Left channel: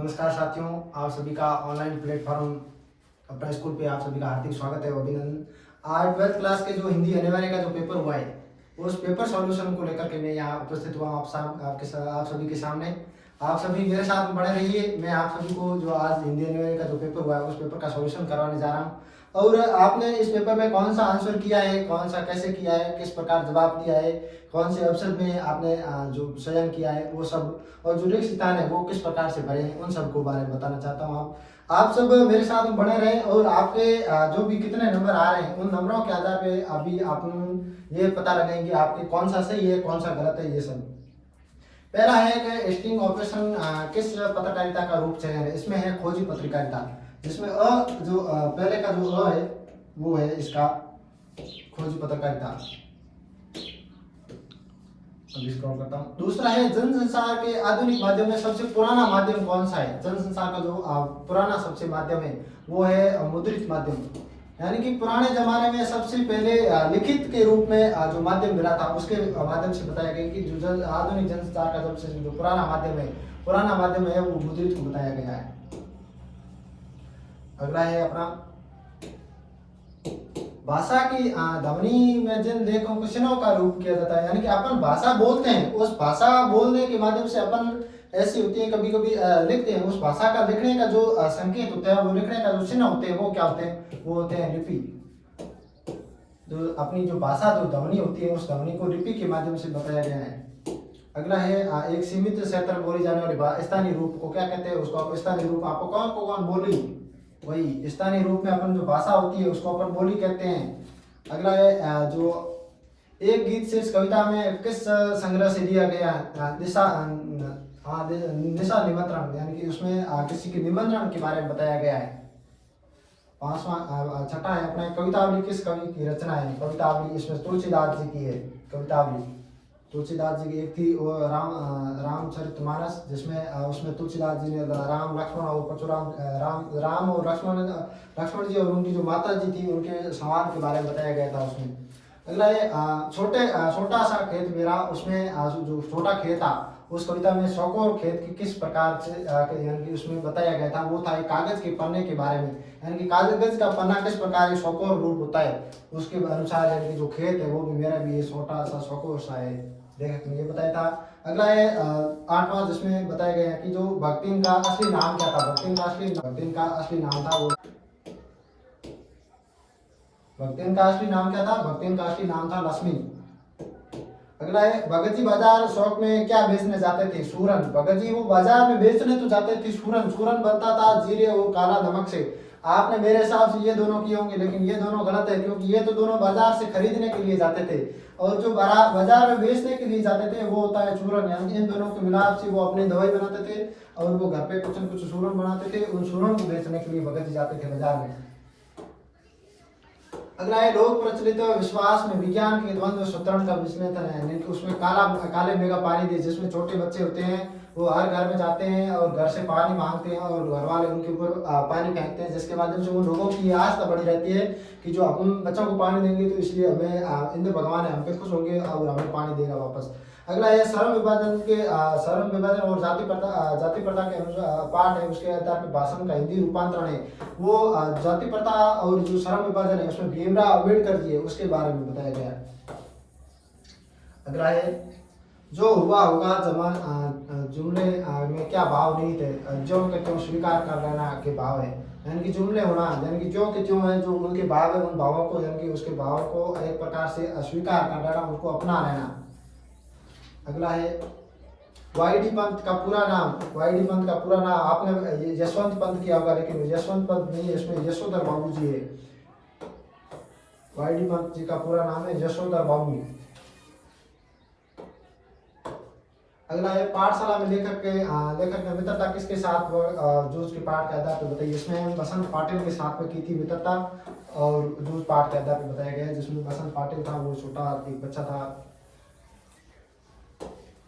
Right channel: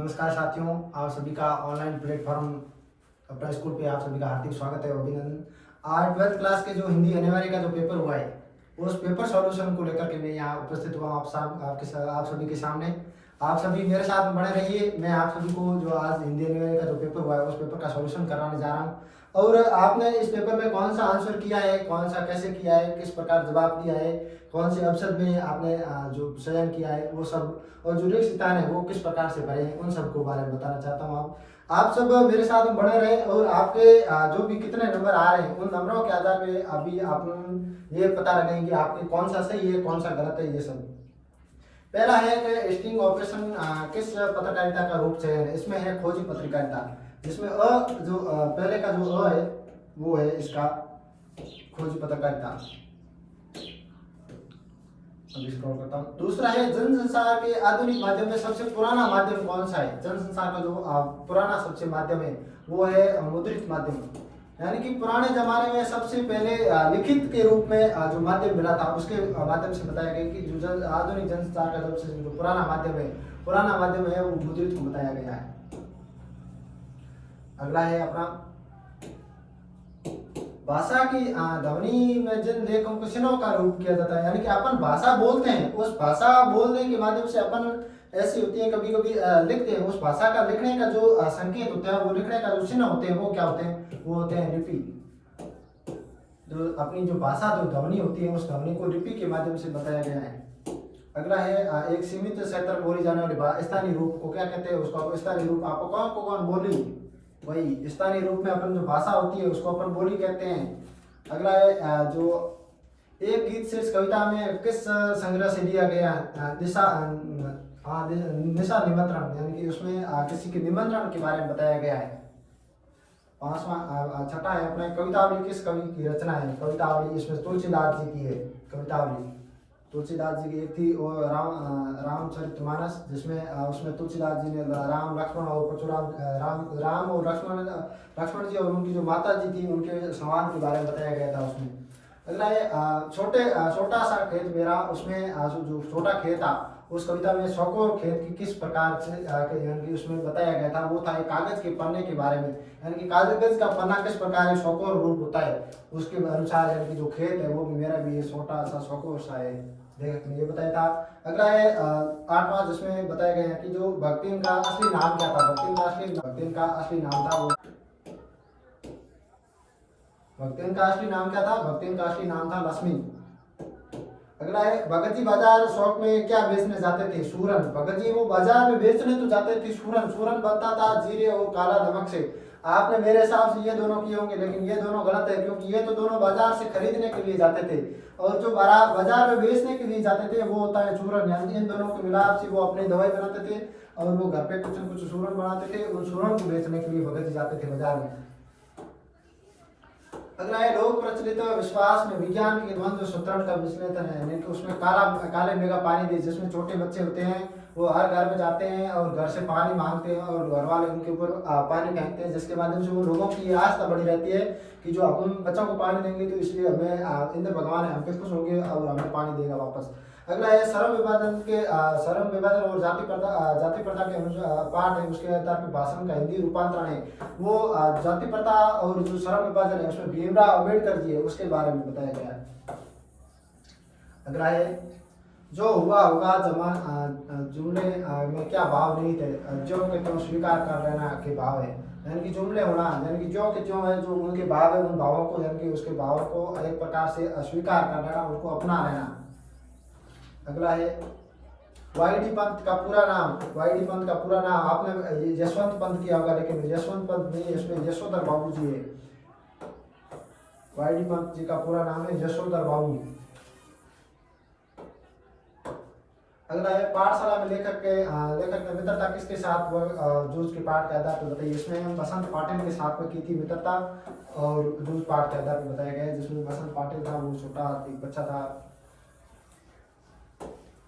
नमस्कार साथियों, आप सभी का ऑनलाइन प्लेटफॉर्म अपना स्कूल पे आप सभी का हार्दिक स्वागत है, अभिनंदन। आज 12th क्लास के जो हिंदी अनिवार्य का जो पेपर हुआ है, उस पेपर सॉल्यूशन को लेकर के मैं यहाँ उपस्थित हुआ हूँ आप सभी के सामने। आप सभी मेरे साथ बने रहिए। मैं आप सभी को जो आज हिंदी अनिवार्य का जो पेपर हुआ है, उस पेपर का सॉल्यूशन करवाने जा रहा हूँ। और आपने इस पेपर में कौन सा आंसर किया है, कौन सा कैसे किया है, किस प्रकार जवाब दिया है, कौन से अवसर में आपने जो चयन किया है वो सब, और जो रिक्त स्थान है वो किस प्रकार से भरे हैं, उन सब को बारे में बताना चाहता हूँ। आप सब मेरे साथ बने रहें और आपके जो भी कितने नंबर आ रहे हैं, उन नंबरों के आधार पे अभी आप ये पता लगाएंगे आपके कौन सा सही है, कौन सा गलत है। ये सब पहला है कि स्टिंग ऑपरेशन किस पत्रकारिता का रूप चयन है। इसमें है खोजी पत्रकारिता, जिसमें जो पहले का जो है वो है इसका खोजी पत्रकारिता। स्क्रॉल करता हूँ। दूसरा है जनसंचार के आधुनिक माध्यम में सबसे पुराना माध्यम कौन सा है। जनसंचार का जो पुराना सबसे माध्यम है वो है मुद्रित माध्यम, यानी कि पुराने जमाने में सबसे पहले लिखित के रूप में जो माध्यम मिला था, उसके माध्यम से बताया गया कि जो आधुनिक जनसंचार का सबसे जो पुराना माध्यम है वो मुद्रित को बताया गया है। अगला है अपना भाषा की ध्वनि में जिन लेखों को चिन्हों का रूप किया जाता है, यानी कि अपन भाषा बोलते हैं, उस भाषा बोलने के माध्यम से अपन ऐसी होती है, कभी कभी लिखते हैं, उस भाषा का लिखने का जो संकेत होता है, वो लिखने का जो चिन्ह होते हैं वो क्या होते हैं, वो होते हैं लिपि। जो अपनी जो भाषा जो ध्वनि होती है, उस ध्वनि को लिपि के माध्यम से बताया गया है। अगला है एक सीमित क्षेत्र बोली जाने वाली स्थानीय रूप को क्या कहते हैं, उसको स्थानीय रूप आपको कौन बोली, वही स्थानीय रूप में अपन जो भाषा होती है उसको अपन बोली कहते हैं। अगला है जो एक गीत शेष कविता में किस संग्रह से लिया गया दिशा निशा निमंत्रण, यानी कि उसमें किसी के निमंत्रण के बारे में बताया गया है। छठा है अपने कवितावली किस कवि की रचना है। कवितावली इसमें तुलसीदास जी की है। कवितावली तुलसीदास जी की एक थी वो रामचरितमानस, जिसमें उसमें तुलसीदास जी ने राम लक्ष्मण और परशुराम राम और लक्ष्मण जी और उनकी जो माता जी थी उनके संवाद के बारे में बताया गया था उसमें। अगला है छोटा सा खेत मेरा, उसमें जो छोटा खेत था उस कविता में चौकोर खेत की किस प्रकार से यानी कि उसमें बताया गया था, वो था एक कागज के पन्ने के बारे में, यानी कि कागज का पन्ना किस प्रकार चौकोर रूप होता है उसके अनुसार, यानी कि जो खेत है वो भी मेरा भी ये छोटा सा चौकोर सा है, देखने ये बताया था। अगला है आठवां, जिसमें बताया गया है कि जो भक्तिन का असली नाम क्या था। भक्तिन का असली नाम था वो भक्तिन का असली नाम क्या था, भक्तिन का असली नाम था लक्ष्मी। अगला है भगत जी बाजार शौक में क्या बेचने जाते थे, सूरन। भगत जी वो बाजार में बेचने तो जाते थे सूरन, सूरन बनता था जीरे और काला नमक से। आपने मेरे हिसाब से ये दोनों किए होंगे, लेकिन ये दोनों गलत है, क्योंकि ये तो दोनों बाजार से खरीदने के लिए जाते थे और जो बाजार में बेचने के लिए जाते थे वो होता है सूरन, यानी इन दोनों के मिलाप से वो अपनी दवाई बनाते थे और वो घर पे कुछ न कुछ सूरन बनाते थे, उन सूरन को बेचने के लिए भगत जी जाते थे बाजार में। अगला है लोक प्रचलित विश्वास में विज्ञान के द्वंद्व सूत्रण का विश्लेषण है, यानी कि उसमें काले मेघा पानी दे, जिसमें छोटे बच्चे होते हैं वो हर घर में जाते हैं और घर से पानी मांगते हैं और घर वाले उनके ऊपर पानी फेंकते हैं, जिसके माध्यम से वो लोगों की ये आस्था बनी रहती है कि जो हम बच्चों को पानी देंगे तो इसलिए हमें इंद्र भगवान है हम पे खुश होंगे और हमें पानी देगा वापस। अगला है श्रम विभाजन और जाति प्रथा के अनुसार पाठ है, उसके आधार पर भाषण का हिंदी रूपांतरण है। वो जाति प्रथा और जो श्रम विभाजन है उसमें भीमराव अम्बेडकर जी है, उसके बारे में बताया गया है। अगला है जो हुआ होगा जुमले में क्या भाव नहीं थे, जो के त्यों स्वीकार कर लेना के भाव है, यानी कि जुमले होना, यानी कि जो के त्यों है, जो उनके भाव है उन भावों को, यानी कि उसके भावों को एक प्रकार से अस्वीकार कर लेना, उनको अपना लेना। अगला है वाईडी पंत का पूरा नाम। वाईडी पंत का पूरा नाम आपने यशवंत पंत किया होगा, लेकिन यशवंत पंत नहीं, इसमें यशोधर बाबू जी है। वाईडी पंत जी का पूरा नाम है यशोधर बाबू। अगला है पाठशाला में लेखक ने मित्रता किसके साथ जूझ के पाठ के आधार पर बताइए। इसमें बसंत पाटिल के साथ में की थी मित्रता और जूझ पाठ के आधार पर बताया गया है, जिसमें बसंत पाटिल था वो छोटा एक बच्चा था।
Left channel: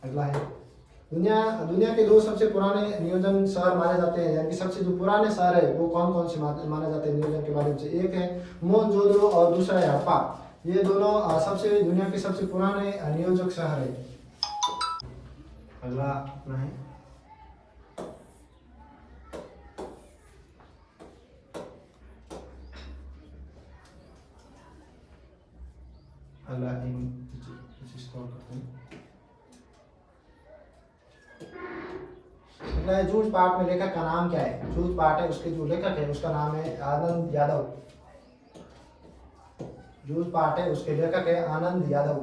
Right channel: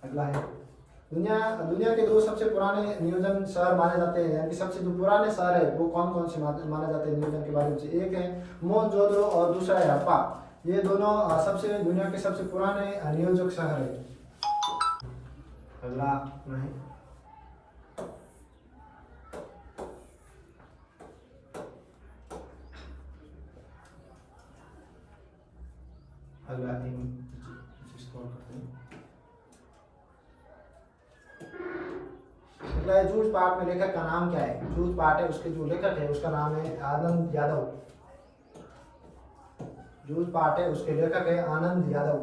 अगला है दुनिया के दो सबसे पुराने नियोजन शहर माने जाते हैं, यानी कि सबसे जो पुराने शहर है वो कौन कौन से माने जाते हैं नियोजन के बारे में से। एक है मोहनजोदड़ो और दूसरा है हड़प्पा। ये दोनों दुनिया के सबसे पुराने नियोजक शहर है। अगला है अगला है जूझ पाठ में लेखक का नाम क्या है। जूझ पाठ है उसके जो लेखक है उसका नाम है आनंद यादव। जूझ पाठ है उसके लेखक है आनंद यादव।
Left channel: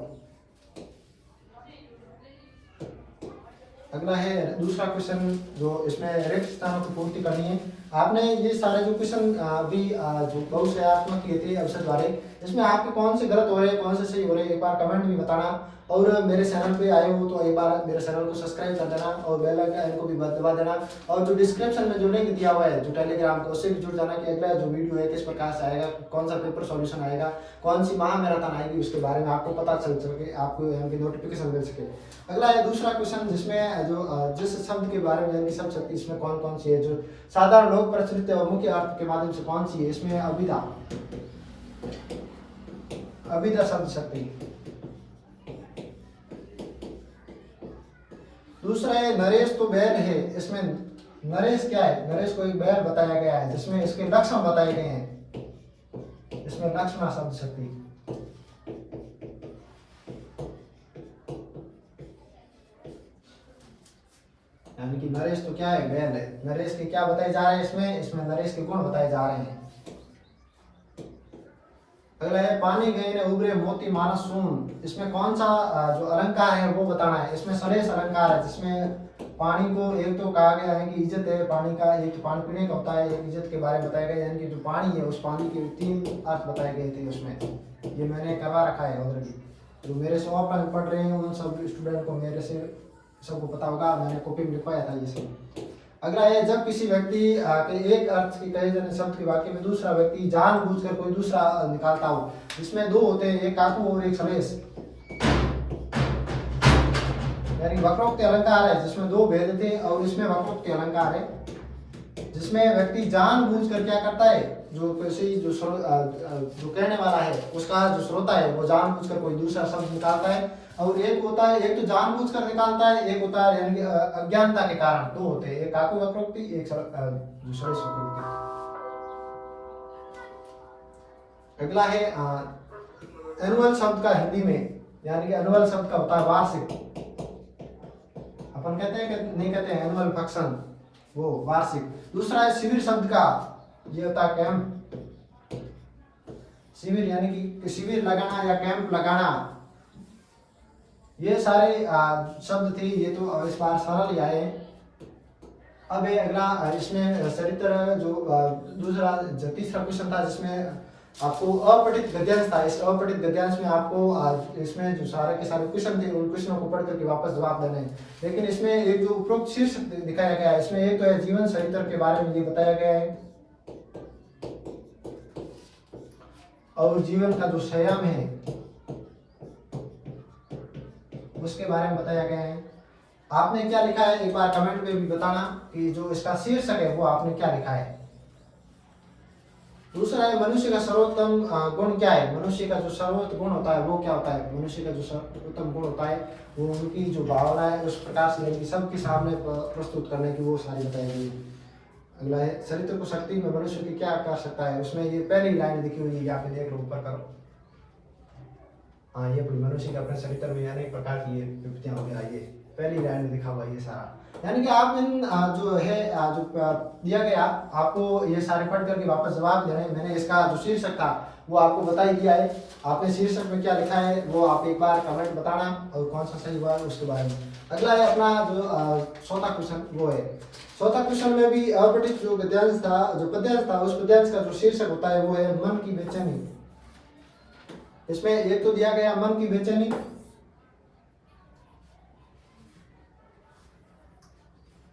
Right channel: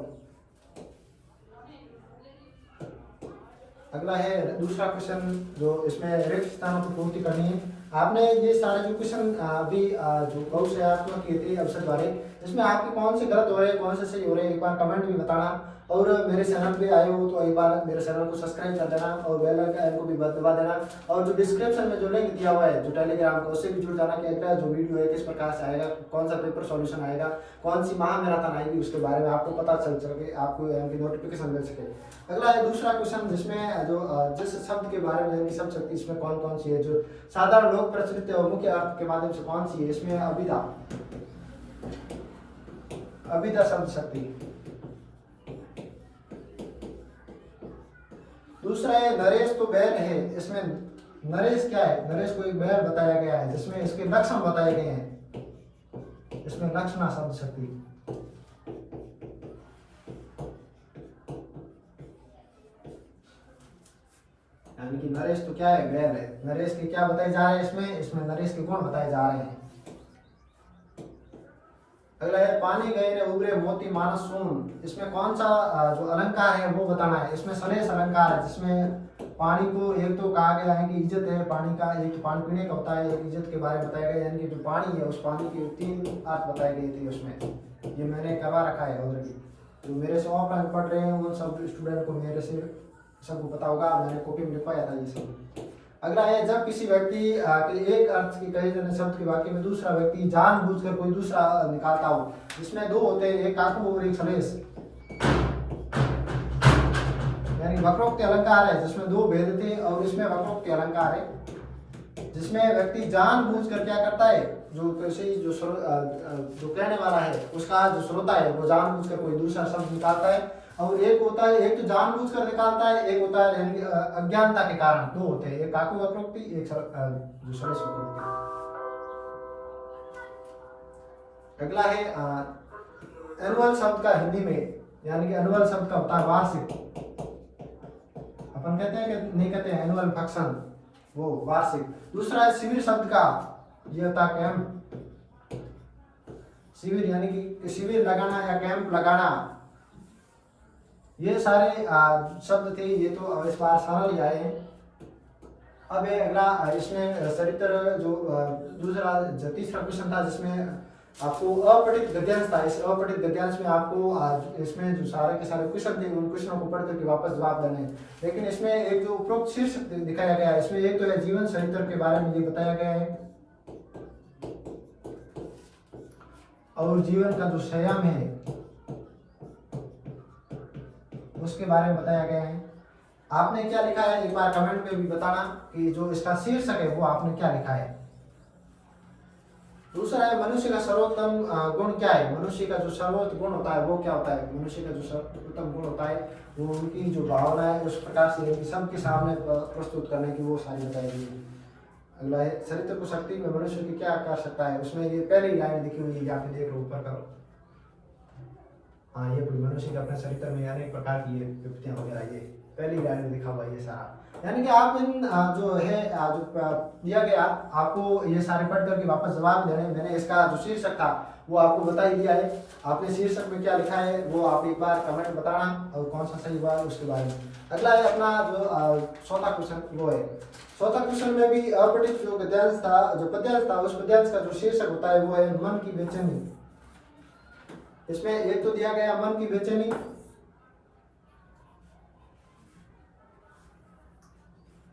अगला है दूसरा क्वेश्चन जो इसमें रिक्त स्थानों की पूर्ति करनी है। आपने ये सारे जो क्वेश्चन अभी जो बहुशयात्मक किए थे अवसर द्वारा, इसमें आपके कौन से गलत हो रहे हैं कौन से सही हो रहे हैं एक बार कमेंट में बताना। और मेरे चैनल पे आए हो तो एक बार मेरे चैनल को सब्सक्राइब कर देना और बेल आइकन को भी दबा देना। और जो डिस्क्रिप्शन में जो लिंक दिया हुआ है जो टेलीग्राम का, उससे भी जुड़ जाना कि अगला जो वीडियो है किस प्रकार से आएगा, कौन सा पेपर सॉल्यूशन आएगा, कौन सी महामैराथन आएगी, उसके बारे में आपको पता चल सके, आपको नोटिफिकेशन मिल सके। अगला है दूसरा क्वेश्चन जिसमें जो जिस शब्द के बारे में शब्द शक्ति इसमें कौन कौन सी है, जो साधारण लोक प्रचलित और मुख्य अर्थ के माध्यम से कौन सी है। इसमें अभिधा, अभिधा शब्द शक्ति। दूसरा है नरेश तो बैल है। इसमें नरेश क्या है, नरेश को एक बैल बताया गया है जिसमें इसके लक्षण बताए गए हैं। इसमें लक्षणा शब्द शक्ति। यानी कि नरेश तो क्या है, बैल है। नरेश के क्या बताए जा रहे हैं इसमें, इसमें नरेश के गुण बताए जा रहे हैं। अगला है पानी गए ने उबरे मोती मानस सून। इसमें कौन सा जो अलंकार है वो बताना है। इसमें सलेश अलंकार है जिसमें पानी को एक तो कहा गया है कि इज्जत है पानी का, एक तो पानी पीने का होता है, एक इज्जत के बारे में बताया गया, यानी कि जो पानी है उस पानी के 3 अर्थ बताए गए थे उसमें। ये मैंने करवा रखा है ऑलरेडी। जो मेरे से ऑफलाइन पढ़ रहे हैं उन सब स्टूडेंट को मेरे से सबको पता होगा, मैंने कॉपी में लिखवाया था ये सब। अगला है जब किसी व्यक्ति के एक अर्थ के कहे जाने शब्द के वाक्य में दूसरा व्यक्ति जानबूझकर कोई दूसरा निकालता हो। इसमें दो होते हैं, एक आत्म और एक सलेश, यानी वक्रोक्ति अलंकार है जिसमें 2 भेद थे और इसमें वक्रोक्ति अलंकार है जिसमें व्यक्ति जानबूझकर क्या करता है, जो किसी जो कहने वाला है उसका जो श्रोता है वो जानबूझकर कोई दूसरा शब्द निकालता है। और एक होता है, एक तो जानबूझकर निकालता है, एक होता है यानी अज्ञानता के कारण। 2 होते हैं, एक काकु वक्रोक्ति, एक जो सलेश वक्रोक्ति। अगला है एनुअल शब्द का हिंदी में, यानी कि एनुअल शब्द का होता है वार्षिक। अपन कहते हैं कि नहीं कहते हैं एनुअल फंक्शन, वो वार्षिक। दूसरा है शिविर शब्द का, ये होता है कैंप। शिविर यानी कि शिविर लगाना या कैंप लगाना। ये सारे शब्द थे, ये तो इस बार सरल ही आए हैं। अब है अगला, इसमें चरित्र जो दूसरा तीसरा क्वेश्चन था जिसमें आपको अपठित गद्यांश था। इस अपठित गद्यांश में आपको इसमें जो सारे के सारे क्वेश्चन थे उन क्वेश्चनों को पढ़ करके वापस जवाब देने हैं। लेकिन इसमें एक जो उपरोक्त शीर्षक दिखाया गया है, इसमें एक तो है जीवन चरित्र के बारे में ये बताया गया है और जीवन का जो संयम है उसके बारे में बताया गया है। आपने क्या लिखा है एक बार कमेंट में भी बताना कि जो इसका शीर्षक है वो आपने क्या लिखा है। दूसरा है मनुष्य का सर्वोत्तम गुण क्या है। मनुष्य का जो सर्वोत्तम गुण होता है वो क्या होता है। मनुष्य का जो सर्वोत्तम गुण होता है वो उनकी जो भावना है उस प्रकार से सबके सामने प्रस्तुत करने की वो सारी बताई गई है। अगला है चरित्र को शक्ति में मनुष्य की क्या कर सकता है। उसमें ये पहली लाइन लिखी हुई है, या फिर देख लो ऊपर करो। हाँ, ये पूरी मनुष्य के अपने चरित्र में अनेक प्रकार की ये विपत्तियां वगैरह ये पहली लाइन में लिखा हुआ है ये सारा। यानी कि आप इन जो है जो दिया गया आपको ये सारे पढ़ करके वापस जवाब देने। मैंने इसका जो शीर्षक था वो आपको बता ही दिया है। आपने शीर्षक में क्या लिखा है वो आप एक बार कमेंट बताना और कौन सा सही हुआ है उसके बारे में। अगला है अपना जो चौथा क्वेश्चन वो है। चौथा क्वेश्चन में भी अपठित जो गद्यांश था, जो पद्यांश था, उस पद्यांश का जो शीर्षक होता है वो है मन की बेचैनी। इसमें एक तो दिया गया मन की बेचैनी,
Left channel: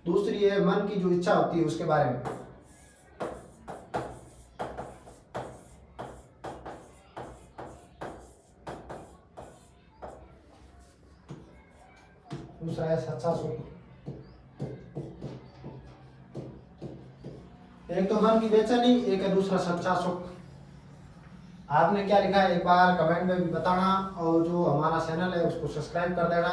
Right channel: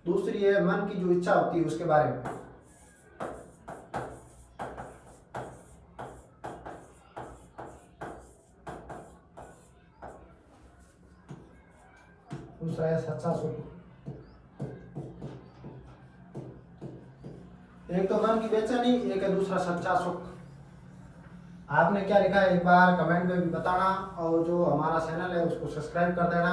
दूसरी है मन की जो इच्छा होती है उसके बारे में। दूसरा है सच्चा सुख। एक तो मन की बेचैनी, एक है दूसरा सच्चा सुख। आपने क्या लिखा है एक बार कमेंट में भी बताना और जो हमारा चैनल है उसको सब्सक्राइब कर देना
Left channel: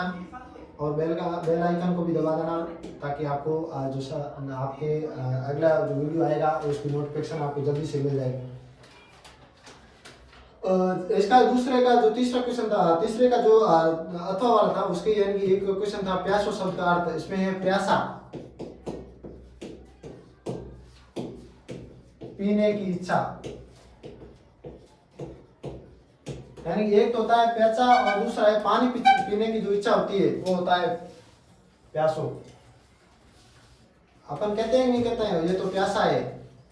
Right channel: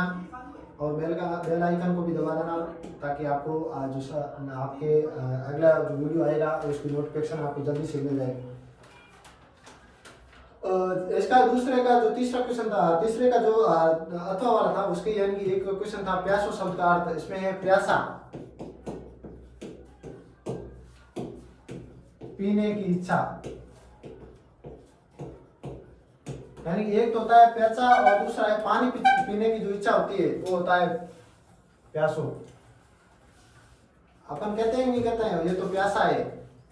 और बेल आइकन को भी दबा देना ताकि आपको जो आपके अगला जो वीडियो आएगा उसकी नोटिफिकेशन आपको जल्दी से मिल जाएगी। इसका दूसरे का जो तीसरा क्वेश्चन था, तीसरे का जो अथवा वाला था उसके यानी कि एक क्वेश्चन था प्यासो शब्द का अर्थ। इसमें है प्यासा। पीने की इच्छा, यानी कि एक तो होता है प्यासा और दूसरा है पानी पीने की जो इच्छा होती है वो होता है प्यासो। अपन कहते हैं नहीं कहते हैं ये तो प्यासा है,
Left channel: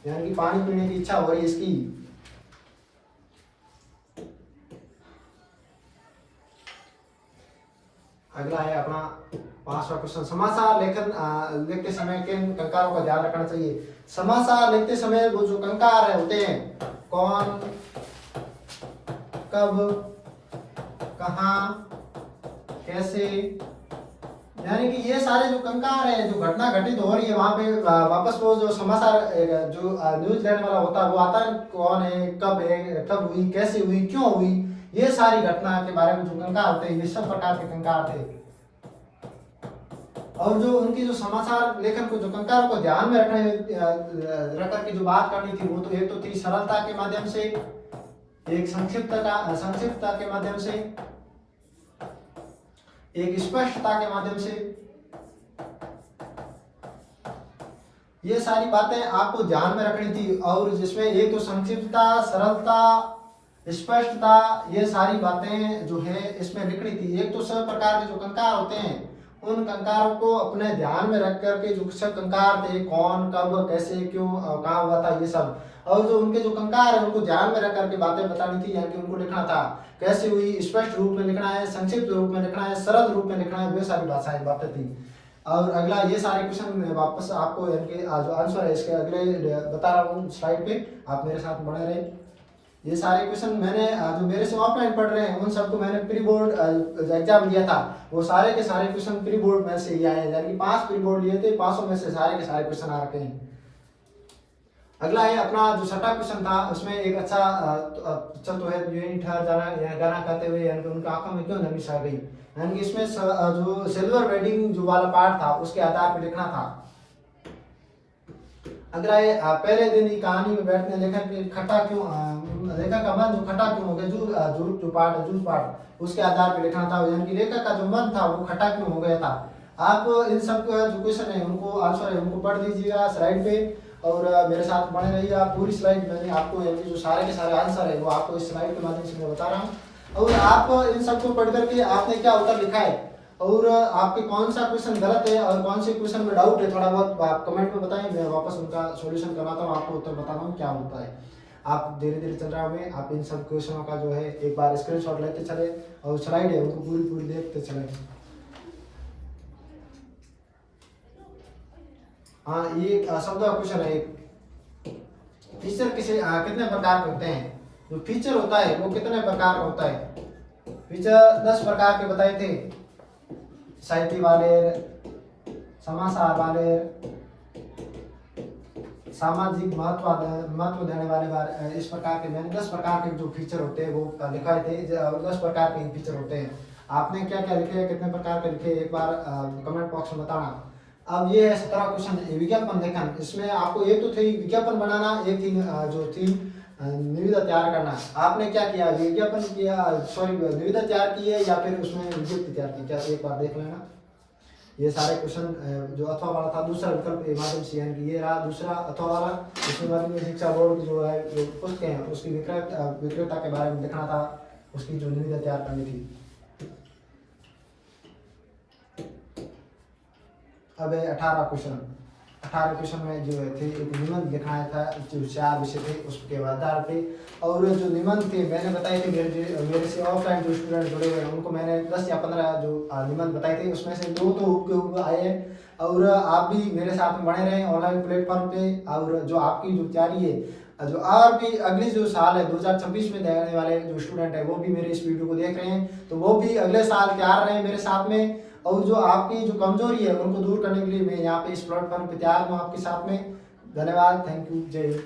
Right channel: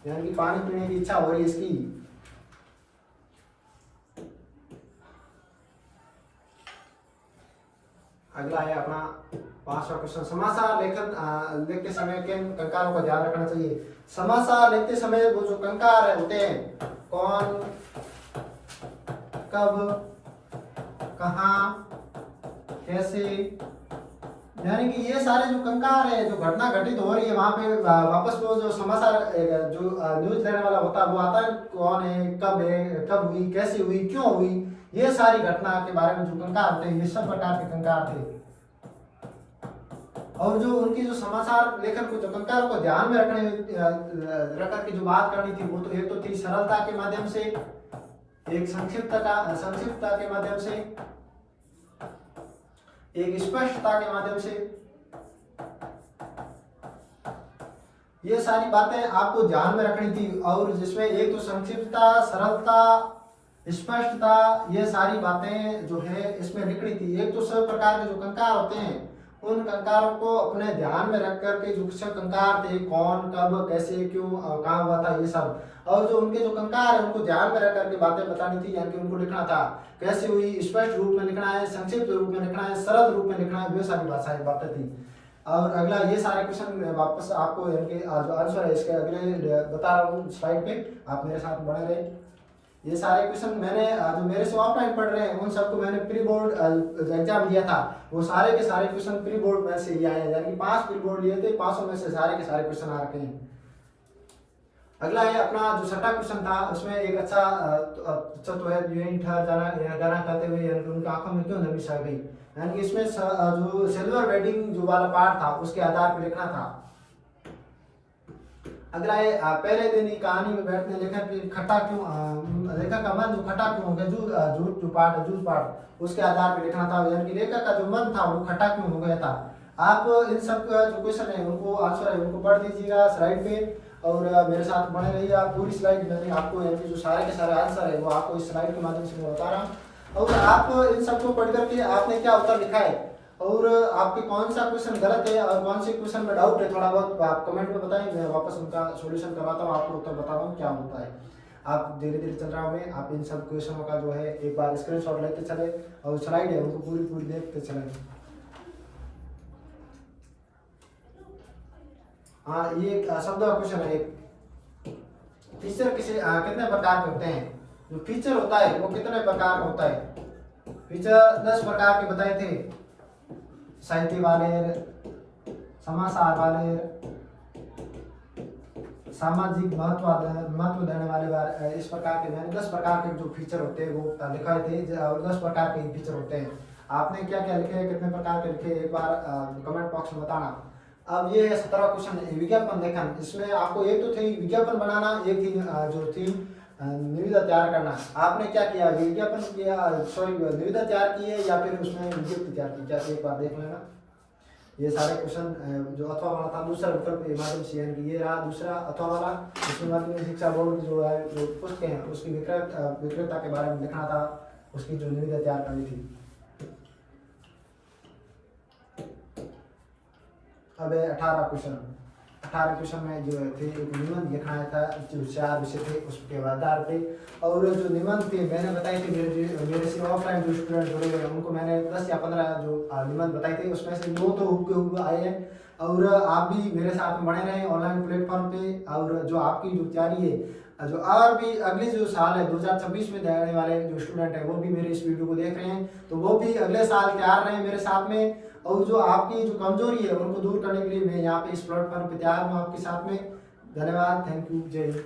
यानी कि पानी पीने की इच्छा हो रही है इसकी। अगला है अपना 5वां क्वेश्चन, समाचार लेखन लिखते समय किन कंकारों का ध्यान रखना चाहिए। समाचार लिखते समय वो जो कंकार होते हैं, कौन, कब, कहाँ, कैसे, यानी कि ये सारे जो कंकार है, जो घटना घटित हो रही है वहां पे वापस वो जो समाचार जो न्यूज देने वाला होता है वो आता है, कौन है, कब हुई, कैसे हुई, क्यों हुई, ये सारी घटना के बारे में जो कंकार होते हैं ये सब प्रकार के कंकार थे। और जो उनकी जो समाचार लेखन को जो कंकारों को ध्यान में रख करके जो बात करनी थी वो तो एक तो थी सरलता के माध्यम से, एक संक्षिप्तता के माध्यम से, एक स्पष्टता के माध्यम से। ये सारी बातें आपको ध्यान में रखनी थी। और जिसमें एक तो संक्षिप्तता, सरलता, स्पष्टता, ये सारी बातें जो है इसमें लिखनी थी। एक तो सब प्रकार के जो कंकार होते हैं उन कंकारों को अपने ध्यान में रख करके जो सब कंकार थे, कौन, कब, कैसे, क्यों, कहाँ हुआ था, ये सब। और जो उनके जो कंकार है उनको ध्यान में रख करके बातें बतानी थी, यानी कि उनको लिखना था कैसे हुई, स्पष्ट रूप में लिखना है, संक्षिप्त रूप में लिखना है, सरल रूप में लिखना है, वे सारी भाषाएं बातें थी। और अगला ये सारे क्वेश्चन वापस आपको यानी कि जो आंसर है इसके अगले बता रहा हूँ स्लाइड पे, आप मेरे साथ बने रहे। ये सारे क्वेश्चन मैंने जो मेरे से ऑफलाइन पढ़ रहे हैं उन सबको मैंने प्री बोर्ड एग्जाम दिया था, वो सारे के सारे क्वेश्चन प्री बोर्ड में से ही आए हैं, यानी कि 5 प्री बोर्ड लिए थे, 500 में से सारे के सारे क्वेश्चन आ रखे हैं। अगला है अपना जो 6वां क्वेश्चन था, उसमें एक अच्छा तो है, यूं ही ठहर जाना गाना खाते हुए, यानी कि उनकी आंखों में क्यों नमी छा गई, यानी कि इसमें जो सिल्वर वेडिंग जो वाला पार्ट था उसके आधार पर लिखना था। अगला है पहले दिन की कहानी में बैठने लेखक खट्टा क्यों, लेखक का मन जो खट्टा क्यों हो गया, जो पार्ट है, जूस पार्ट, उसके आधार पर लिखना था, यानी कि लेखक का जो मन था वो खट्टा क्यों हो गया था। आप इन सब जो क्वेश्चन है उनको आंसर है उनको पढ़ दीजिएगा स्लाइड पे और मेरे साथ बने रहिए। आप पूरी स्लाइड मैंने आपको यानी कि जो सारे के सारे आंसर है वो आपको इस स्लाइड के माध्यम से मैं बता रहा हूँ, और आप इन सबको पढ़ करके आपने क्या उत्तर लिखा है और आपके कौन सा क्वेश्चन गलत है और कौन से क्वेश्चन में डाउट है, थोड़ा बहुत आप कमेंट में बताएं, मैं वापस उनका सॉल्यूशन करवाता हूँ, आपको उत्तर बता रहा हूँ क्या होता है। आप धीरे धीरे चल रहे होंगे, आप इन सब क्वेश्चनों का जो है एक बार स्क्रीनशॉट लेते चले और स्लाइड है उनको पूरी पूरी देखते चले। हाँ, ये शब्द का क्वेश्चन है। फीचर कितने प्रकार के होते हैं, जो फीचर होता है वो कितने प्रकार का होता है। फीचर 10 प्रकार के बताए थे, साहित्य वाले, समाचार वाले, सामाजिक महत्व देने वाले, इस प्रकार के मैंने 10 प्रकार के जो फीचर होते हैं वो लिखाए थे और 10 प्रकार के फीचर होते हैं। आपने क्या क्या लिखे, कितने प्रकार के लिखे, एक बार कमेंट बॉक्स में बताना। अब ये 17 क्वेश्चन विज्ञापन लेखन, इसमें आपको एक तो थी विज्ञापन बनाना, एक थी जो थी निविदा तैयार करना। आपने क्या किया, विज्ञापन किया, सॉरी निविदा तैयार की है या फिर उसमें विज्ञप्ति तैयार की, क्या एक बार देख लेना। ये सारे क्वेश्चन जो अथवा वाला था दूसरा विकल्प के माध्यम से, यानी कि ये रहा दूसरा अथवा वाला, इसमें माध्यमिक शिक्षा बोर्ड की जो है जो पुस्तकें हैं उसकी विक्रेता के बारे में लिखना था, उसकी जो निविदा तैयार करनी थी। अब 18 क्वेश्चन, 18 क्वेश्चन में जो थे एक निबंध लिखना था, जो 4 विषय थे उसके आधार पे। और जो निबंध थे मैंने बताए थे, मेरे से ऑफलाइन जो स्टूडेंट जुड़े हुए हैं उनको मैंने 10 या 15 जो निबंध बताए थे, उसमें से 2 तो हुबहू आए हैं। और आप भी मेरे साथ बने रहें ऑनलाइन प्लेटफॉर्म पे, और जो आपकी जो तैयारी है जो और भी अगले जो साल है 2026 में देने वाले जो स्टूडेंट है वो भी मेरे इस वीडियो को देख रहे हैं, तो वो भी अगले साल तैयार रहे मेरे साथ में। और जो आपकी जो कमजोरी है उनको दूर करने के लिए मैं यहाँ पे इस प्लेटफॉर्म पे तैयार हूँ आपके साथ में। धन्यवाद, थैंक यू, जय हिंद।